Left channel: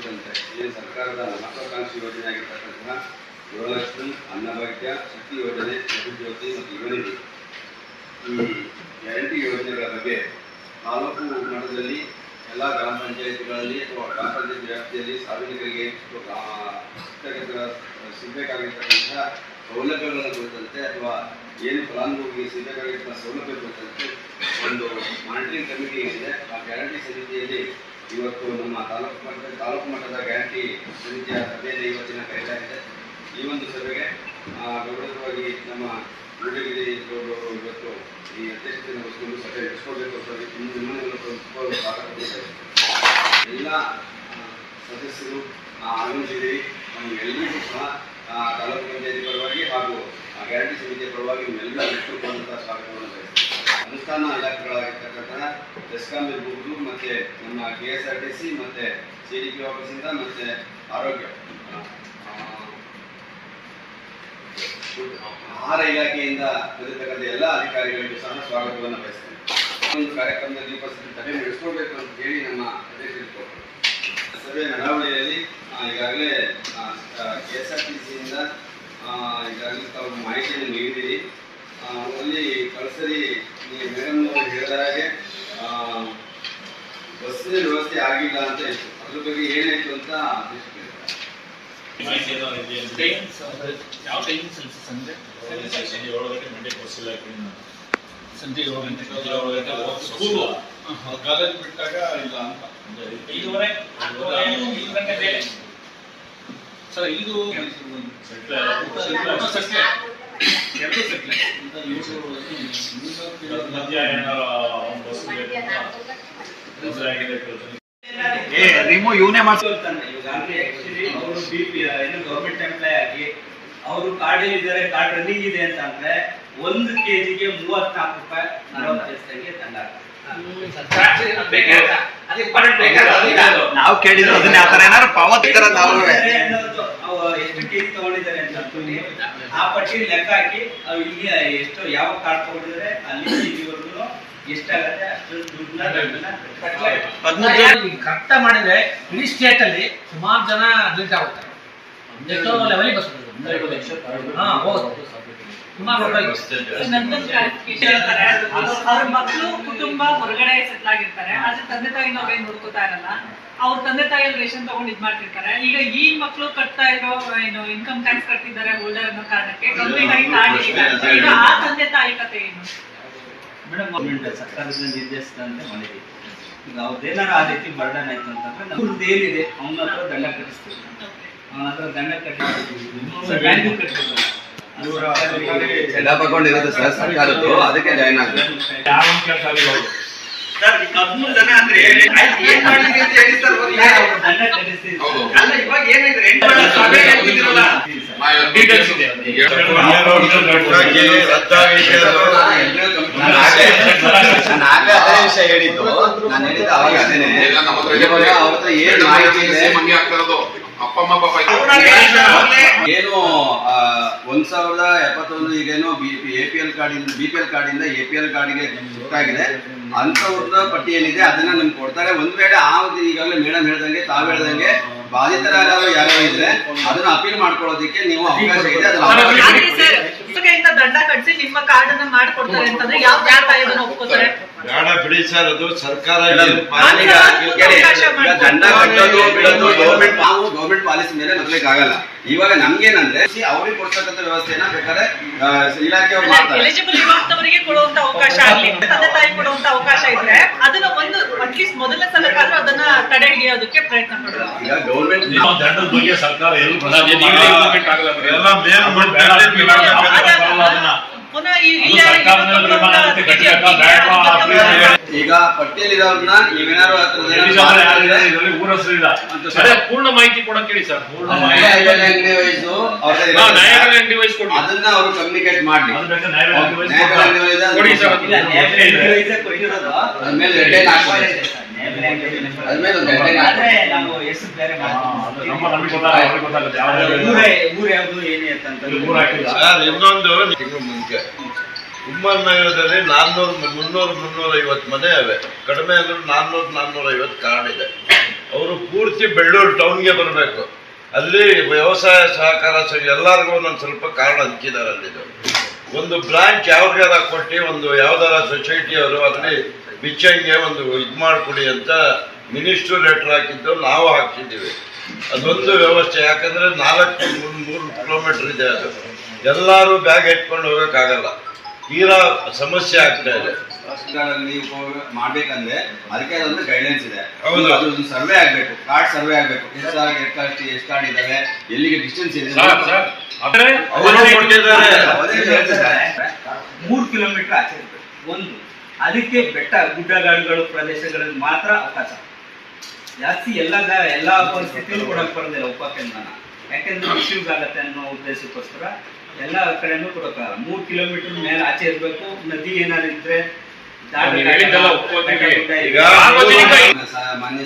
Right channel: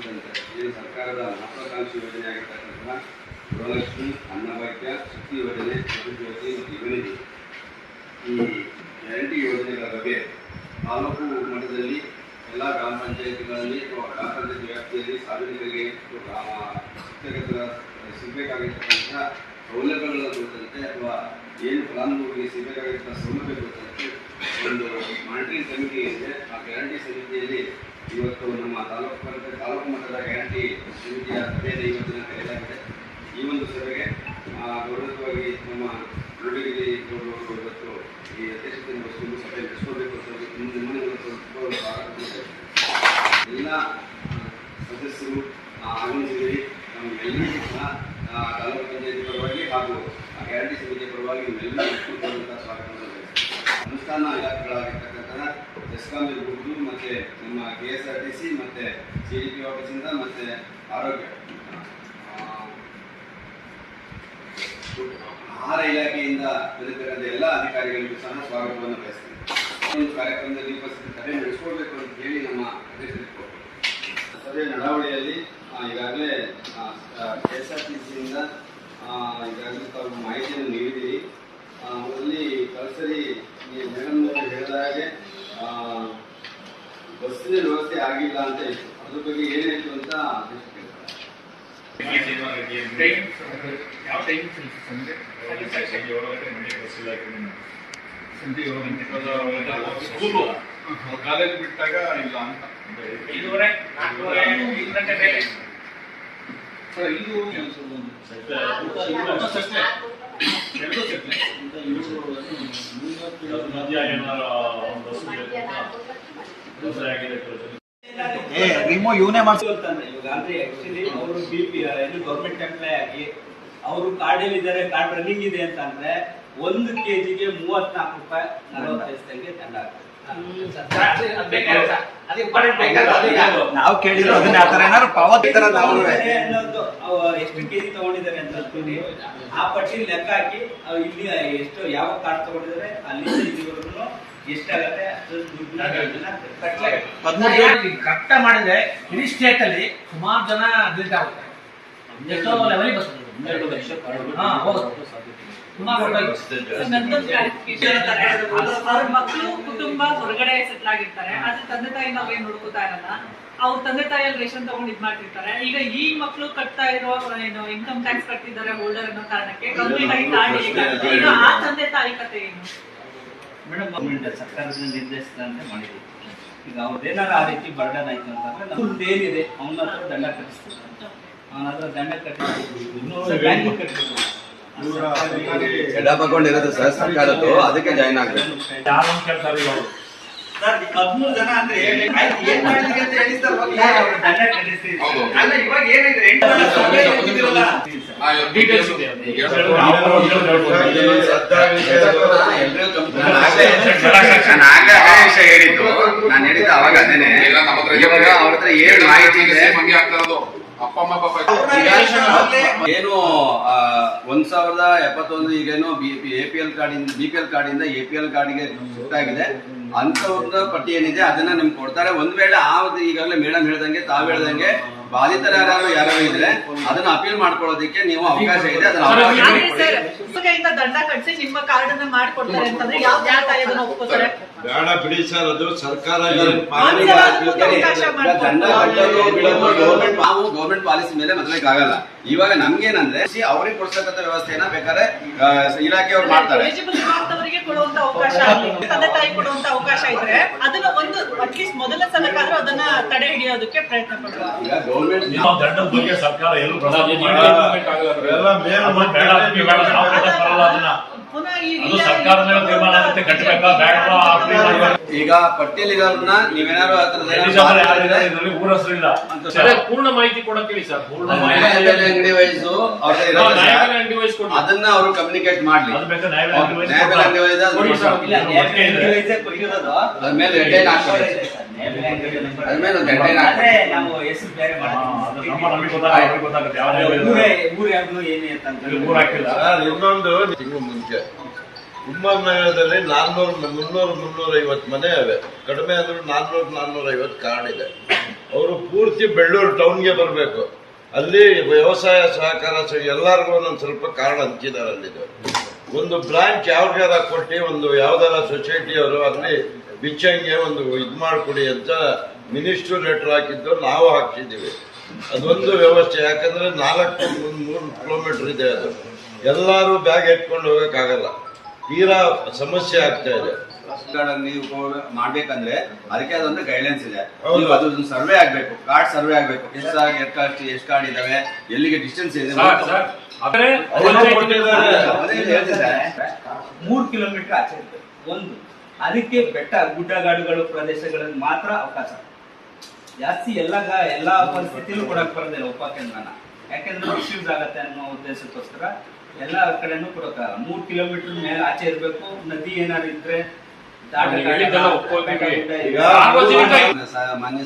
ಕುರಿತಂತೆ ಏನು ಸರ್ಕಾರದ ಮಹತ್ವಾಕಾಂಕ್ಷಿ ಯೋಜನೆ ಆಗಿರ್ತಕ್ಕಂತಹ ಗೃಹಲಕ್ಷ್ಮಿ, ಅನ್ನಭಾಗ್ಯ, ಶಕ್ತಿ ಯೋಜನೆ, ಜ್ಯೋತಿ ಮತ್ತು ಯುವನಿಧಿ ಈ ಗ್ಯಾರಂಟಿ ಯೋಜನೆಗಳ ಬಗ್ಗೆ ತಾಲೂಕು ಮಟ್ಟದಲ್ಲಿ ಎಲ್ಲ ಗ್ರಾಮ ಪಂಚಾಯತಿಗಳಲ್ಲಿ ಅಥವಾ ಗ್ರಾಮ ಪಂಚಾಯತ್ ವ್ಯಾಪ್ತಿಯಲ್ಲಿ ಸಾರ್ವಜನಿಕರಿಗೆ ಸಿಗಬೇಕಾಗಿರ್ತಕ್ಕಂತಹ ಸೌಲಭ್ಯಗಳ ಕುರಿತಂತೆ ಅಥವಾ ಏನು ಫಲಾನುಭವಿಗೆ ಸಿಗಬೇಕಾಗಿರ್ತಕ್ಕಂಥ ಸೌಲಭ್ಯ ಕುರಿತಂತೆ ಒಂದು ಮಾನಿಟರಿಂಗ್ ಕಮಿಟಿ ಇದೆ. ಆ ಗ್ಯಾರಂಟಿ ಸಮಿತಿಯಲ್ಲಿ ಇವತ್ತು ನಮ್ಮ ತಾಲೂಕು ಮಟ್ಟದ ಗ್ಯಾರಂಟಿ ಸಮಿತಿಯ ಸಭೆಯಲ್ಲಿ ಇವತ್ತಿನ ಕರೆಯಲಾಗಿದೆ. ಈ ಒಂದು ಸಭೆಗೆ ಗೌರವವಾಗಿ ನಮ್ಮ ಮೂಡಿಗೆರೆ ಗೌರವರು ಇವತ್ತು ಈ ಅಧ್ಯಕ್ಷತೆಯನ್ನು ವಹಿಸಿಕೊಂಡು ಸಭೆ ನಡೆಸ್ಕೋಬೇಕು ಎಲ್ಲ ಸದಸ್ಯರು ಆಗಮಿಸಿದ್ದೀರಿ. ನಮಗೆಲ್ಲರಿಗೂ ಸಹ ತಾಲೂಕು ಪಂಚಾಯತಿ ಪರವಾಗಿ ಹಾಗೂ ಗ್ಯಾರಂಟಿ ಸಮಿತಿಯ ಪರವಾಗಿ ನಿಮ್ಮೆಲ್ಲರೂ ಇಟ್ಟುಕೊಂಡಂತಹ ಸ್ವಾಗತವನ್ನು ಬಯಸ್ತೀವಿ. ಅನುಷ್ಠಾನ ಇಲಾಖೆಗಳಾಗಿರ್ತಕ್ಕಂತಹ ಬೆಸ್ಕಾಂ ಇರ್ಬೋದು, ಮತ್ತು ನಮ್ಮ KSRTC ಮತ್ತು CDP ಆಫೀಸಿಂದ ಮತ್ತು ಆರೋಗ್ಯ ಆಹಾರ ಇಲಾಖೆಯಿಂದ ಬಂದಿರತಕ್ಕಂಥ ಎಲ್ಲ ಅಧಿಕಾರಿಗಳಿಗೂ ಸಹ ಸ್ವಾಗತವನ್ನು ಬಯಸ್ತೇನೆ. ಒಂದು ಕಾರ್ಯಕ್ರಮದಲ್ಲಿ ಉಪಸ್ಥಿತಿ ಸಭೆ ನಡೆಸ್ಕೊಳ್ಬೇಕು ಅಂತ ಹೇಳಿ ನಮ್ಮ ಅಧ್ಯಕ್ಷರು ಸಭೆ ನಡಾವಳಿಯಲ್ಲಿ ಈಗಾಗಲೇ KSRTCಯಿಂದ ಈಗಾಗಲೇ ತಾವು ಮಾಹಿತಿಯನ್ನು ನೀಡಿದ್ದೀರಿ. ಅಲ್ಲಿ ಕಳಸರಿ ಮೇಡಮ್ ಅವರು ಹೇಳಿದ ಹಾಗೆ ಬಸ್ಸಿನ ವ್ಯವಸ್ಥೆ ಆಗಿಲ್ಲ ಅಂತ ಇತ್ತು. ಅದ್ರ ಬಗ್ಗೆ ಏನಾಯಿತು ಅಂತ ಸಂಜೆ 7 ಗಂಟೆ ಕಾಲೇಜ್ ಬಿಟ್ಟಾಗ ಇಲ್ಲ ಅಂತ ಸರ್. ಇದು ಇವನೇ ಮಾಡ್ತಾನೆ. ಆಕ್ಚುಲಿ ಅವರು ಗೌರ್ಮೆಂಟ್ ಎಂಪ್ಲಾಯ್ ಆಗಿ ಅವರು ಕಾರ್ಡ್ ಇದ್ದಾರೆ, ಕಾರ್ಡ್ ರನ್ನಿಂಗ್ ಇದೆ ಅಂತ ಅಂದ್ರೆ 1 kgಗೆ 34 ರೂಪಾಯಿ 40 ಪೈಸೆಗೆ ದಂಡ ನಾವು ಕೇಳಿದ್ರು ಅದನ್ನ ಆತರ ಏನಾದ್ರು ಪಾವತಿ ಎಷ್ಟು ಕೆಜಿ ತಗೊಂಡಿದ್ದಾರೆ ಅಂತ ಆ ಪಟ್ಟಿ ಲೆಕ್ಕ ಹಾಕಿ ಇಲ್ಲಿ ಎಷ್ಟು ಯಾವ ಕಾರ್ಡ್ ತಗೊಂಡಿದ್ದಾರೆ ಅಲ್ಲಿ ಇಲ್ಲಿವರೆಗೂ ಎಷ್ಟಾಗತ್ತೆ ಅಷ್ಟು ದುಡ್ಡನ್ನ ಕರೆಕ್ಟ್ ಮಾಡಿದ್ರೆ ಇಡೀ ಸ್ಟೇಟ್ ಅಲ್ಲಿ ಸುಮಾರು ಜನ ಅಡ್ಮಿಟ್ ಆಗುತ್ತಾರೆ. ಎಷ್ಟೋ ಲೆವೆಲ್ ಬಸ್ ಅವ್ರ ಮಕ್ಕಳು ಕುಟುಂಬ ಹೊರಗಡೆ ಸೆಟ್ಲ್ ಆಗಿರ್ತಾರೆ, ಆದ್ರೆ ತಂದೆ ತಾಯಿನ ಅವ್ರೇನ್ ನೋಡ್ಕೋತಾ ಇರಲ್ಲ. ಅವ್ರ ತಂದೆ ತಾಯಿಯಲ್ಲಿ ರೇಷನ್ ತಗೊಂಡು ಇದ್ ಮಾಡ್ತಿರ್ತಾರೆ. ಈಗ ಈ ಮಕ್ಕಳು ಕಟ್ತಾ ಇರೋ ಏನು ಇನ್ಕಮ್ ಟ್ಯಾಕ್ಸ್ ಕಟ್ತಿದ್ದಾರೆ ಹೋಲ್ಡರ್ ಅನ್ನೋ ಕಾರಣಕ್ಕೆ ಕಂಪ್ಲೀಟ್ ಆಗಿ ಈಗ ಆ ತಂದೆ ತಾಯಿ ಕತೆ ಏನು ಮೇಡಮ್? ಗೌರ್ಮೆಂಟ್ ಸರ್ಕಾರದ ನಿರ್ದೇಶಿಸಿದಂತೆ ಮಾಡಿದ್ದೀವಿ. ಈಗ ಅವ್ರದ್ದೇನಾರು ಆ ರೀತಿ ಬರ್ಡನ್ ಆಯ್ತು ಅಂತಂದ್ರೆ ನಮ್ದು ಏನಿದೆ ಅವನ ಹತ್ರ ದಂಡ ಕಟ್ಟಿಸ್ಬೇಕು. ಅವನ ಹತ್ರ ದಂಡ ಕಟ್ಟಿಸ್ಬೇಕು, ಬ್ಯಾಂಕ್ ಕಟ್ಟಿಸ್ಬೇಕು. ತಗೊಂಡಿರೋದು ಸರ್ ಸರ್ಕಾರದ್ದು, ಅದಕ್ಕೆ ಜಾಯ್ನ್ ಆಗಿದೆ. ಸರ್ 13 ಜನ ಅಂದ್ರೆ ಏನ್ ಮಾಡ್ಲಿಕ್ಕೆ ಅಂತ ಹೇಳಿ ಸರ್ ದಂಡ ಕಟ್ಟಿಸ್ತೀವಿ. ಅಲ್ಲ ಇವಾಗ ಏನಿದೆ 8 ಸಭೆ ಆಗಿದಿರಲ್ಲ ಡೀಟೇಲ್ಸ್ ಇದೆ. ನಾನು ಹೇಳಿದ್ದು ಅವಾಗ ಅದೇನೆ. ಇವಾಗ ಅವ್ರ ಹತ್ರ ಏನ್ ಮಾಹಿತಿ ಇದೆ ಏನು 1071 ಈಗೇನೋ APL ಕಾರ್ಡಿಂದ BPL ಕಾರ್ಡಿಂದ APL ಕಾರ್ಡಿಗೆ ಶಿಫ್ಟ್ ಆಗಿದೆ. ಅಂತವ್ರದ ಪಟ್ಟಿ ಏನಿದೆ ಅದನ್ನ ನಿಮ್ಗೆ ಕೊಡ್ತಾರೆ. ಒಂದ್ ವೇಳೆ ಈಗಾಗಲೇ ಮೇಡಮ್ ಹೇಳ್ದಂಗೆ ತಾವ್ ಹೇಳ್ದಂಗೆ ಬಾಧಿತರಾರು ಯಾರು ಇದ್ರೆ ಅದನ್ನ ಅಪೀಲ್ ಮಾಡ್ಕೊಳ್ಳೋದಕ್ಕೆ ನೀವು ಅವಕಾಶ ಇದೆ. ಅದನ್ನ ದಂಡ ಕಟ್ಟಿಸಿ ನಿಮ್ಮ ಕಾರ್ಡ್ ಅನ್ನ ಮಾಡ್ಕೊಡ್ತಾರೆ ಅಂತಂದ್ರೆ ಯಾವ ದಾಖಲೆಯನ್ನು ಒಪ್ಕೋತಾರೆ? ಬೇಡ ಬಿಡಿ ಸರ್, ಅದು ಸರ್ಕಾರ ದಂಡ ಕಟ್ಟೋದು ಬಿಡೋದು ಗೌರ್ಮೆಂಟ್ ಪಾಲಿಸಿ ಮೇಲೆ ಆಗಲ್ಲ. ಇವಾಗ ನಮ್ಗೇನಂದ್ರೆ ಅವ್ರಿಗೆ ಕೊಡ್ತಕ್ಕಂಥ ವ್ಯವಸ್ಥೆನ ಬೇಕಾದ್ರೆ ಇಲಾಖೆಯವ್ರು ಮಾಡ್ತಾರೆ. ಎಲಿಜಿಬಲ್ ಇರುವಂತವರಿಗೆ ಕೊಡುವಂತ ಅವಕಾಶ ಆಗ್ಲಿ, ತಂದೆ ತಾಯಿ ಕೊಡುವಂತ ಅವಕಾಶ ಇದ್ರೆ ಅದನ್ನ ಒಂದು ಅಟ್ಲೀಸ್ಟ್ ಮೊದಲ ಸಲಕ್ಕಾದ್ರೂ ಅದನ್ನ ತಡೆ ಹಿಡಿಯೋದಕ್ಕೆ ಪ್ರಯತ್ನ ಪಡೋದು. ಈಗ ಗೌರ್ಮೆಂಟ್ ದಂಡದ ಬಗ್ಗೆ ಸರ್ಕಾರ ಈಗ ಪಟ್ಟಿಯಲ್ಲಿರೋರ್ನ ನೀವೇನಾರು ಪೂರ್ಣ ಮಾಹಿತಿ ಕೊಡಕ್ ಹೇಳಿ ಸರ್. ಅಂಗಡಿ ವಯಸ್ಸು ಅದನ್ನ ಅವರು ಕಮ್ಯುನಿಕೇಟ್ ಮಾಡ್ಲಿ. ಅದ್ಮೇಲೆ ಹೆಡ್ಲೈನ್ ಹಾಕ್ಬೋದು. ಅದ್ಮೇಲೆ ಒಂದು ಹೆಡ್ಲೈನ್ ಊರು ಯಾವ್ದು ಏನೇ ಅಂತ ಇನ್ನೊಂದು ತಿಂಗಳು ಮುಂಚೆ ಕುಮಾರ್ ನಗರದಲ್ಲಿ 350 ಮನೆ ಅವೆ, ಕಡಿಮೆ ಅಂದ್ರೆ 450 ಕಾರ್ಡ್ ಇದೆ. ಅವರು ಪೂರ್ತಿ ಬೆಳ್ಳೂರು ಟೌನ್ಗೆ ಬರಬೇಕು. ಅಲ್ಲಿ ವ್ಯವಸಾಯ ಸಹಕಾರ ಸಂಘ ಎಲ್ಲರಿಗೂ ಒಂದೊಂದು ಸ್ವಲ್ಪ ಕಾರ್ಡ್ ಹಂಚಿದ್ದಾರೆ. ಅಲ್ಲಿದು ಒಂದು ಬ್ರಾಂಚ್ ಯಾವ್ದಾರ ಕೊಟ್ಟು ಒಂದು ಯಾವ್ದಾರ ಸೊಸೈಟಿಯವರು ಅಲ್ಲಿ ಬಿಚ್ಚಂಗೆ ಒಂದು ಇದು ಮಾಡಿಕೊಡಿ ಅಂತ ಮಿನಿಸ್ಟ್ರು ಲೆಟರ್ ಹಾಕಿದ್ದು ನಾವು ಹಾಕ್ತಿದ್ದೀವಿ. ಅದೊಂದು ವ್ಯವಸ್ಥೆ, ಯಾಕಂದ್ರೆ 3 ಕಿಲೋಮೀಟರ್ ಇದೆ. ಅದು ಎಲ್ಲರೂ ಬ್ಯಾಗ್ ಎತ್ಕೊಂಡು ಹೋಗೋಕ್ಕಾಗಲ್ಲ, ತೀರಾ ಸಮಸ್ಯೆ ಆಗ್ತಾ ಇದೆ. ನೀವು ಉಪಯೋಗ ಮಾಡ್ಬೇಕಂದ್ರೆ ಅದಕ್ಕೆ ಅದೊಂದು ಗೈಡ್ಲೈನ್ಸ್ ಇದೆ. ಹೌದು. ಅದೊಂದು ಸರ್ವೆ ಆಗ್ಬೇಕು, ಕಾರ್ಡ್ ಸರ್ವೆ ಆಗ್ಬೇಕು. ಎಷ್ಟು ಕಾರ್ಡ್ ಇದಾವೆ, ಎಲ್ಲಿಗೆ ಡಿಸ್ಟೆನ್ಸ್ ಇದೆ. ಸರ್ ಆದ್ರೆ ಅವರು ಕೊಟ್ಟಿದ್ದಾರೆ. 3 ಕಿಲೋಮೀಟರ್ ಆಚೆ ಇರ್ಬೇಕು. ಒಂದು ಅದಕ್ಕೆ ಬೆಟ್ಟ ಗುಡ್ಡಗಾಡುಗಳು ಪ್ರದೇಶಗಳಲ್ಲಿ ಮಾತ್ರ ಅವಕಾಶ. ಜಾಸ್ತಿ ಎಲ್ಲ ಪರಿಸ್ಥಿತಿಯಲ್ಲೂ ಕೊಡಕ್ಕೆ ಬರೋದಿಲ್ಲ ಉಪಕೇಂದ್ರನ, ಯಾಕೆಂದ್ರೆ ಇಶ್ಯೂಸ್ ಆಗತ್ತೆ ಅನ್ನೋ ಉದ್ದೇಶಕ್ಕೋಸ್ಕರ ಎಲ್ಲ ಕಡೆನೂ ಕೊಡೋಕ್ಕಾಗಲ್ಲ. 3 ಕಿಲೋಮೀಟರ್ ಮೇಲೆ ಆಚೆ ಇರಬೇಕು. ನದಿ ಏನಾದ್ರು ಇದ್ರೆ ನೀವು ಹೇಳಿದ್ದೆಲ್ಲ ಒಪ್ಪೋದಿಗೆ ಈಗ ಸಾರ್ವಜನಿಕ ಮಾನ್ಯ